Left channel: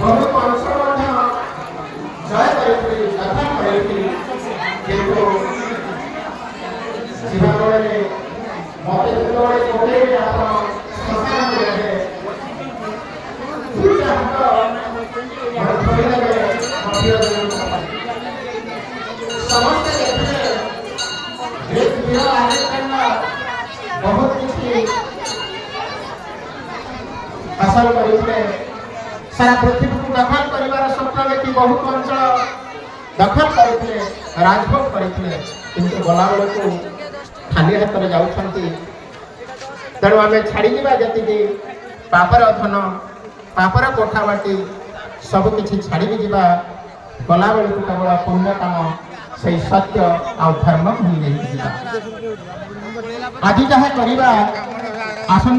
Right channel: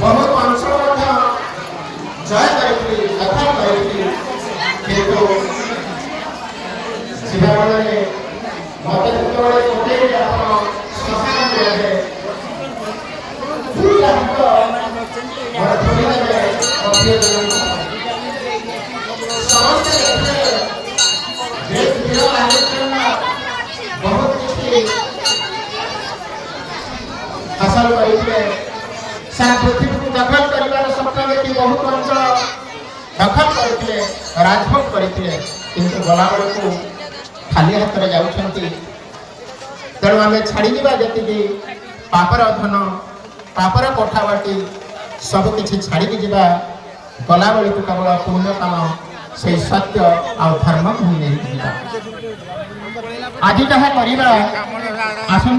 बहुत अंश जय करती कथा करती मत जो बहुत हासिल करते सारा पृथ्वी को दखल कर स्वप्न देखी बहुत अंचल दखल करते राजभोग करते किंतु गलाबड़ को खाली हाथ में जाऊँगी तेणु आम छाड़ी जी पापर धन पापर कोठाबाटी सबकि छाड़ी जा गला बेलू केवल पुण्य काम से सत्य आ धर्म भूमि आज जहाँ करवा आसंता